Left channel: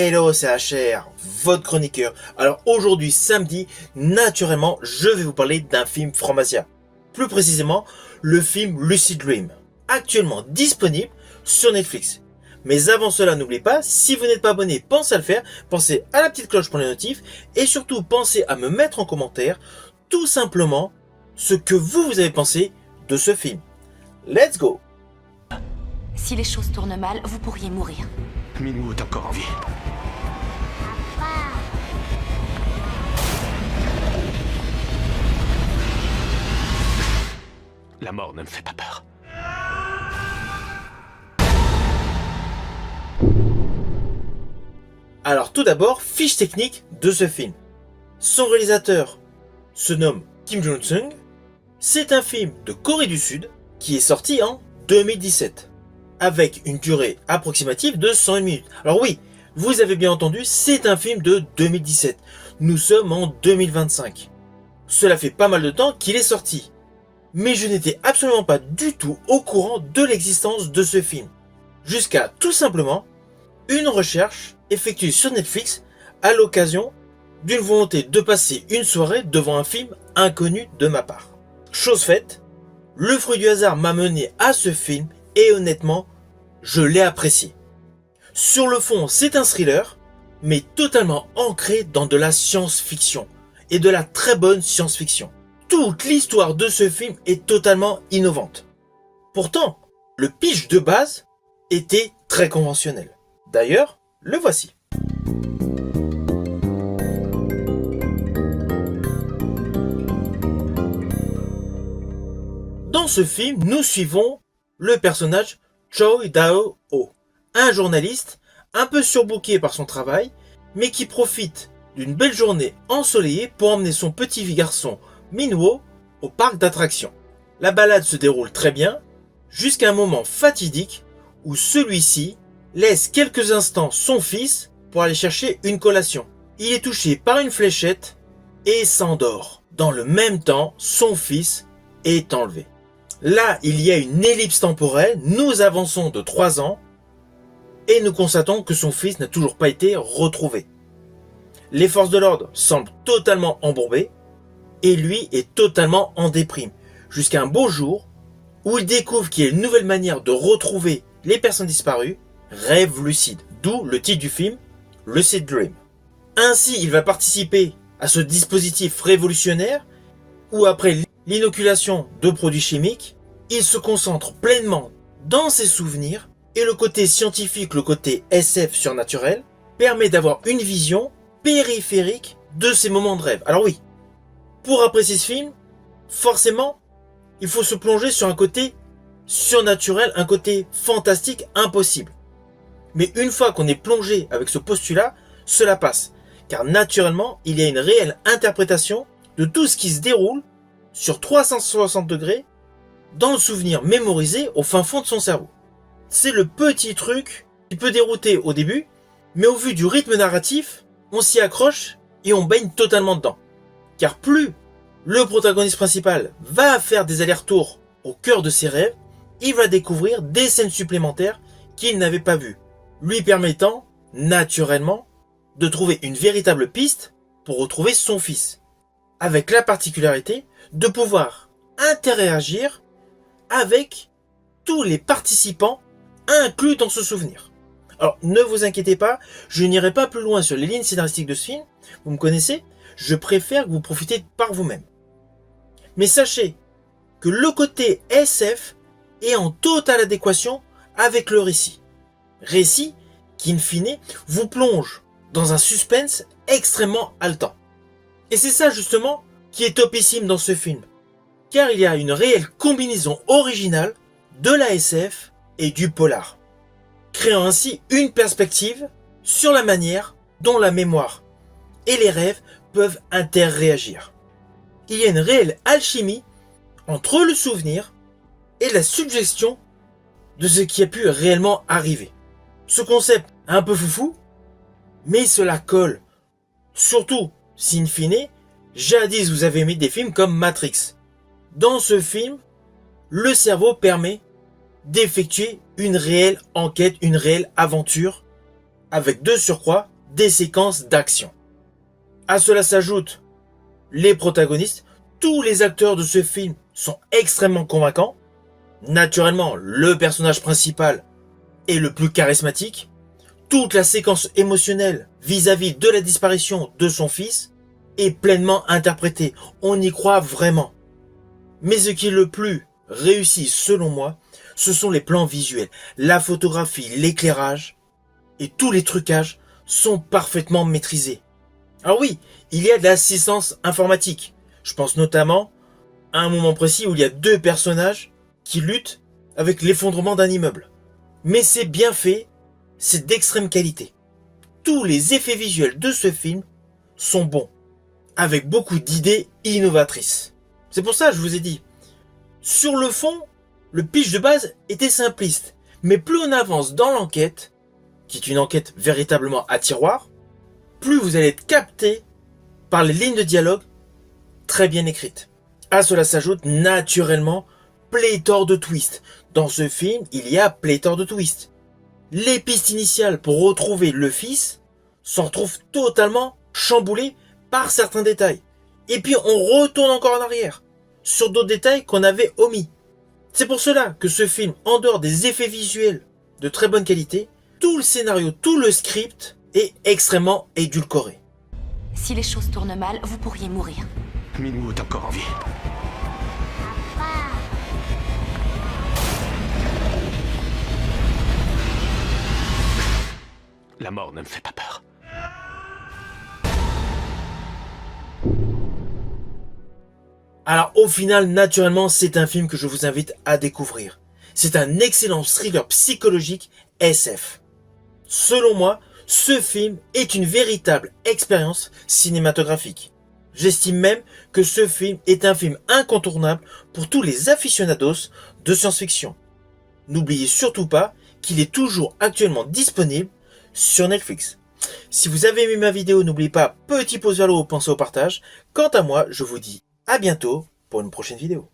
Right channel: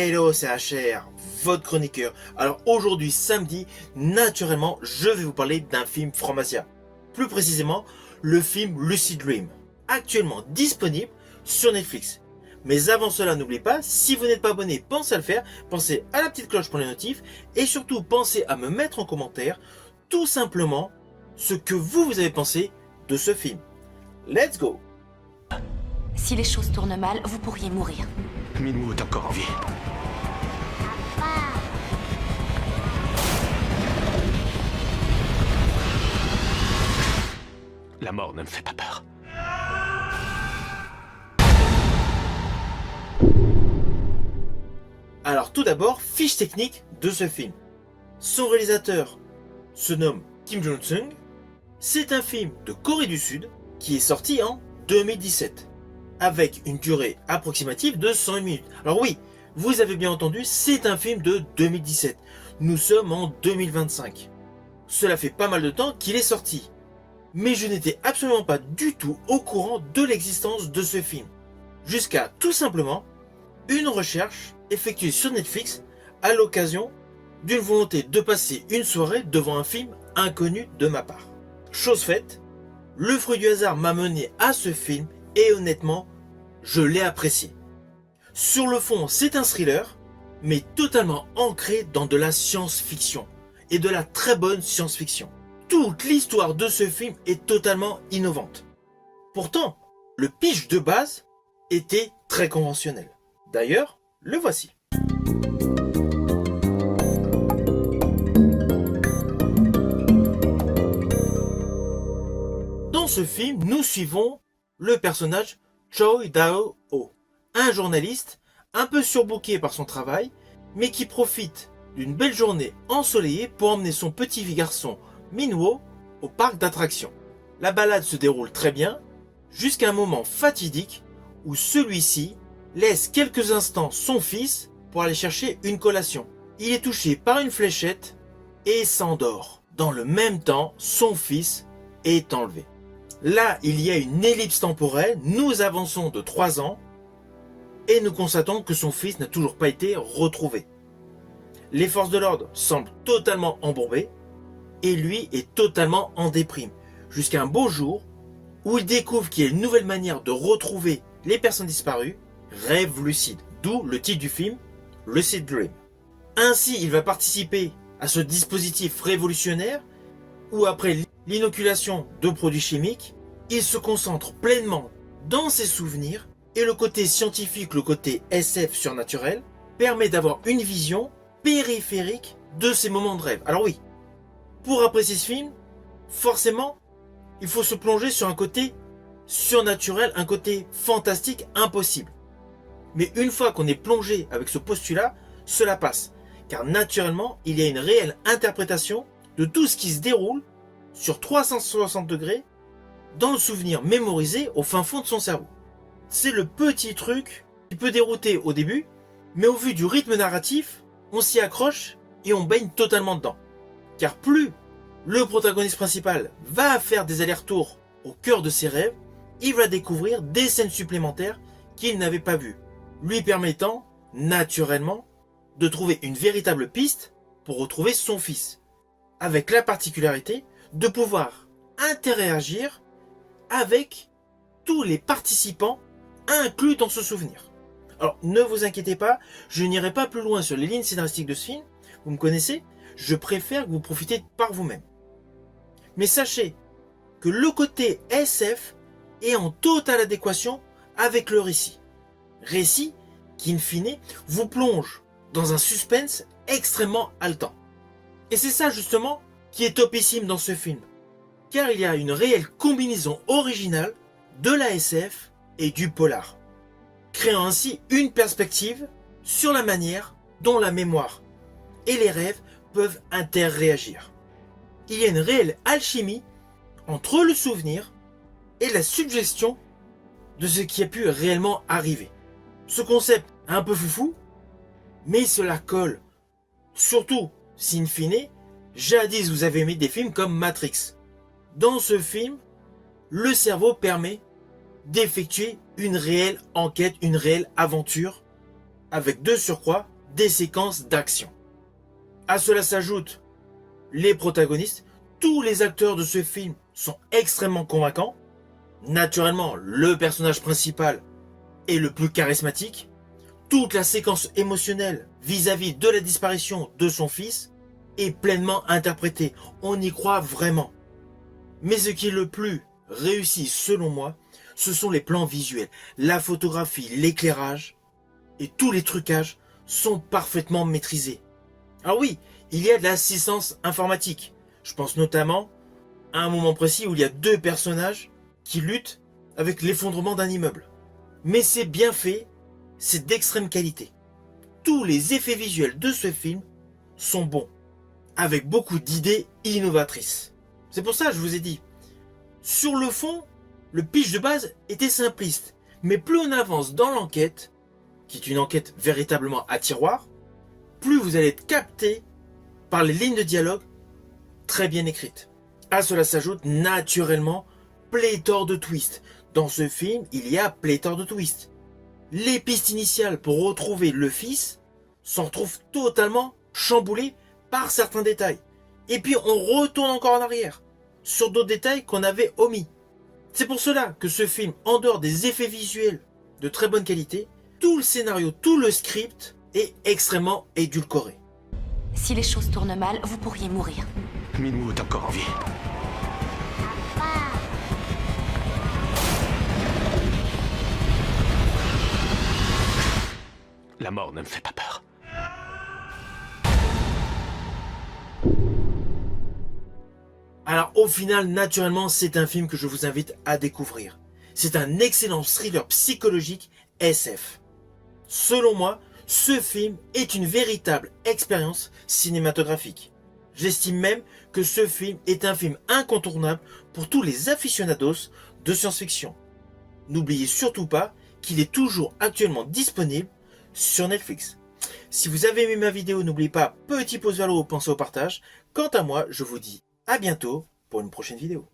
Hello, c'est HR, votre chroniqueur. Alors aujourd'hui, samedi, naturellement, je vais vous parler d'un film Franc-Masia. Plus précisément, le film Lucid Dream, actuellement disponible sur Netflix. Mais avant cela, n'oubliez pas, si vous n'êtes pas abonné, pensez à le faire, pensez à la petite cloche pour les notifs, et surtout pensez à me mettre en commentaire, tout simplement, ce que vous avez pensé de ce film. Let's go! Si les choses tournent mal, vous pourriez mourir. Minwoo est encore en vie. La mort ne me fait pas peur. Alors tout d'abord, fiche technique de ce film. Son réalisateur se nomme Kim Jong-sung. C'est un film de Corée du Sud qui est sorti en 2017 avec une durée approximative de 101 minutes. Alors oui, vous avez bien entendu, c'est un film de 2017. Nous sommes en 2025. Cela fait pas mal de temps qu'il est sorti. Mais je n'étais absolument pas du tout au courant de l'existence de ce film. Jusqu'à tout simplement une recherche effectuée sur Netflix à l'occasion d'une volonté de passer une soirée devant un film inconnu de ma part. Chose faite, le fruit du hasard m'a mené à ce film et honnêtement, je l'ai apprécié. Sur le fond, c'est un thriller, mais totalement ancré dans de la science-fiction et de la très bonne science-fiction. Toute l'histoire de ce film est totalement innovante. Pourtant, le pitch de base était très conventionnel. D'ailleurs, le voici. Dans ce film, nous suivons le personnage Choi Dao-ho, un journaliste un peu surbooké par son travail, mais qui profite d'une belle journée ensoleillée pour emmener son petit garçon Minwoo au parc d'attractions. La balade se déroule très bien, jusqu'à un moment fatidique où celui-ci laisse quelques instants son fils pour aller chercher une collation. Il est touché par une fléchette et s'endort. Dans le même temps, son fils est enlevé. Là, il y a une ellipse temporelle, nous avançons de 3 ans et nous constatons que son fils n'a toujours pas été retrouvé. Les forces de l'ordre semblent totalement embourbées et lui est totalement en déprime. Jusqu'à un beau jour où il découvre qu'il y a une nouvelle manière de retrouver les personnes disparues, rêve lucide, d'où le titre du film, Lucid Dream. Ainsi, il va participer à ce dispositif révolutionnaire où après l'inoculation de produits chimiques, il se concentre pleinement dans ses souvenirs et le côté scientifique, le côté SF surnaturel, permet d'avoir une vision périphérique de ces moments de rêve. Alors oui, pour apprécier ce film, forcément, il faut se plonger sur un côté surnaturel, un côté fantastique impossible. Mais une fois qu'on est plongé avec ce postulat, cela passe. Car naturellement, il y a une réelle interprétation de tout ce qui se déroule sur 360 degrés dans le souvenir mémorisé au fin fond de son cerveau. C'est le petit truc qui peut dérouter au début, mais au vu du rythme narratif, on s'y accroche et on baigne totalement dedans. Car plus le protagoniste principal va faire des allers-retours au cœur de ses rêves, il va découvrir des scènes supplémentaires qu'il n'avait pas vues, lui permettant, naturellement, de trouver une véritable piste pour retrouver son fils, avec la particularité de pouvoir interagir avec tous les participants inclus dans ce souvenir. Alors, ne vous inquiétez pas, je n'irai pas plus loin sur les lignes scénaristiques de ce film, vous me connaissez, je préfère que vous profitez par vous-même. Mais sachez que le côté SF est en totale adéquation avec le récit. Récit qui, in fine, vous plonge dans un suspense extrêmement haletant. Et c'est ça justement qui est topissime dans ce film, car il y a une réelle combinaison originale de la SF et du polar, créant ainsi une perspective sur la manière dont la mémoire et les rêves peuvent interréagir. Il y a une réelle alchimie entre le souvenir et la suggestion de ce qui a pu réellement arriver. Ce concept un peu foufou, mais cela colle. Surtout si in fine, jadis vous avez aimé des films comme Matrix. Dans ce film, le cerveau permet d'effectuer une réelle enquête, une réelle aventure avec de surcroît des séquences d'action. À cela s'ajoutent les protagonistes. Tous les acteurs de ce film sont extrêmement convaincants. Naturellement, le personnage principal est le plus charismatique. Toute la séquence émotionnelle vis-à-vis de la disparition de son fils est pleinement interprétée. On y croit vraiment. Mais ce qui est le plus réussi selon moi, ce sont les plans visuels. La photographie, l'éclairage et tous les trucages sont parfaitement maîtrisés. Alors oui, il y a de l'assistance informatique. Je pense notamment à un moment précis où il y a deux personnages qui luttent avec l'effondrement d'un immeuble. Mais c'est bien fait, c'est d'extrême qualité. Tous les effets visuels de ce film sont bons, avec beaucoup d'idées innovatrices. C'est pour ça que je vous ai dit, sur le fond, le pitch de base était simpliste. Mais plus on avance dans l'enquête, qui est une enquête véritablement à tiroir, plus vous allez être capté par les lignes de dialogue très bien écrites. À cela s'ajoute naturellement pléthore de twists. Dans ce film, il y a pléthore de twists. Les pistes initiales pour retrouver le fils s'en retrouvent totalement chamboulées par certains détails. Et puis on retourne encore en arrière sur d'autres détails qu'on avait omis. C'est pour cela que ce film, en dehors des effets visuels de très bonne qualité, tout le scénario, tout le script est extrêmement édulcoré. Si les choses tournent mal, vous pourriez mourir. Minou est encore en vie. La mort ne me fait pas peur. Alors au final, naturellement, c'est un film que je vous invite à découvrir. C'est un excellent thriller psychologique SF. Selon moi, ce film est une véritable expérience cinématographique. J'estime même que ce film est un film incontournable pour tous les aficionados de science-fiction. N'oubliez surtout pas qu'il est toujours actuellement disponible sur Netflix. Si vous avez aimé ma vidéo, n'oubliez pas, petit pouce vers le haut, pensez au partage. Quant à moi, je vous dis à bientôt pour une prochaine vidéo.